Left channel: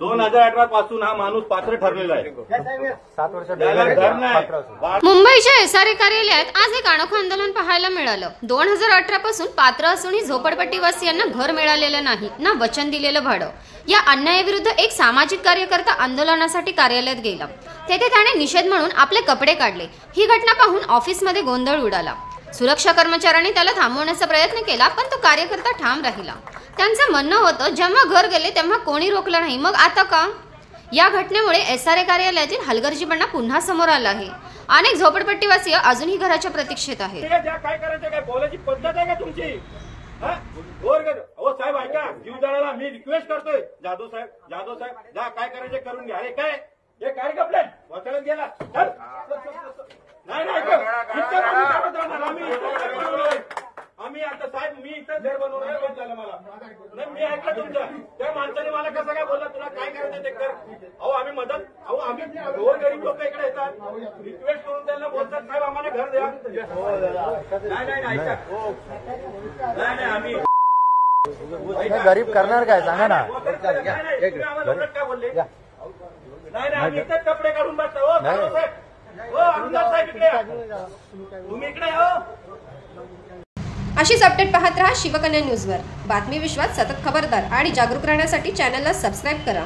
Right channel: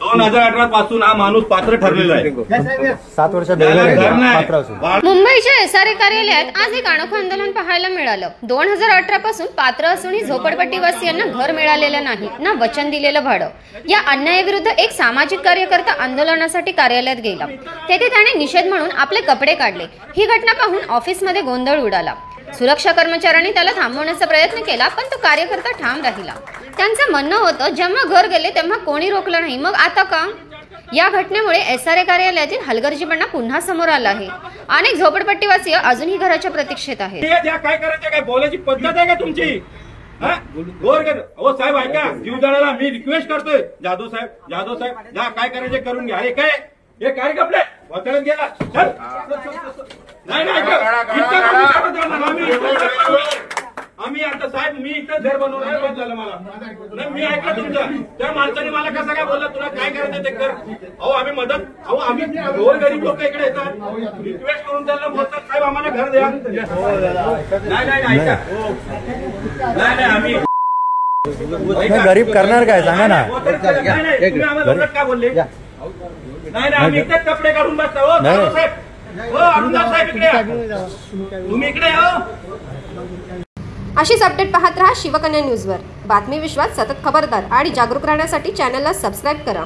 2018 पासून हा माणूस पात्र ठरलेला आहे। 7 वर्ष पात्र असून मुंबईच्या एसआरए कार्यालयात आज एक अनोखं आंदोलन पाहायला मिळालं। 2018 पासून पात्र असूनही झोपडपट्टीवासियांना घर मिळालेलं नाही ना वचन दिलेलं भाडं। या अन्यायाविरुद्ध एक सामाजिक कार्यकर्ता आंदोलनासाठी कार्यालयात गेला। तेथे त्याने निषेध म्हणून आपले कपडे काढले। ही घटना पाहून ऑफिसमध्ये गोंधळ उडाला। सुरक्षा कर्मचाऱ्यांनी त्याला थांबवण्याचा प्रयत्न केला, पण तो कार्यकर्ता ठाम राहिला। त्यांचं म्हणणं होतं, जेव्हा घर गेले तेव्हा कोणी रोखलं नाही, मग आता का? या घटनेमुळे एसआरए कार्यालयातील हलगर्जीपणा पुन्हा समोर आला आहे। अनेक झोपडपट्टीवासी अजूनही घराच्या प्रतीक्षेत आहेत। काय करायचं, काय बोलायची पद्धत आहे का तुमची? हो साहेब ऐका, जीवदाराला मी रिक्वेस्ट करतोय, जाधव साहेब जा, काय करायचे करून घ्या। अरे काय हे काय कपडे वाचण्यात गेला? आम्ही आता साहेब मी इथं घर बनवणार झालं मला नाही, मी ऐकलं तुमचं। त्या माणसाने मला कसं काय बोलला, तुला काय करायचं ते कर। अहो आम्ही मदत, अहो आम्ही गोरगरीब लोक इकडे येतात, रिक्वेस्ट करून त्यांना बोलतात साहेब आम्हाला घर द्या। नाही ऐका, नाही आम्ही गरीब करणार काय सांगा ना। आम्हाला काय बोलले? नाही आम्ही इथेच कपडे काढून बसता। हो साहेब, हो अरुणदास साहेब इकडे या, तुम्ही इकडे या। अशीच अपडेट पाहत रहा शिवकन्या न्यूजवर। बातमी विश्वास सतत खबरदार आणि जागरूक राहण्यासाठी चॅनलला सबस्क्राईब करा।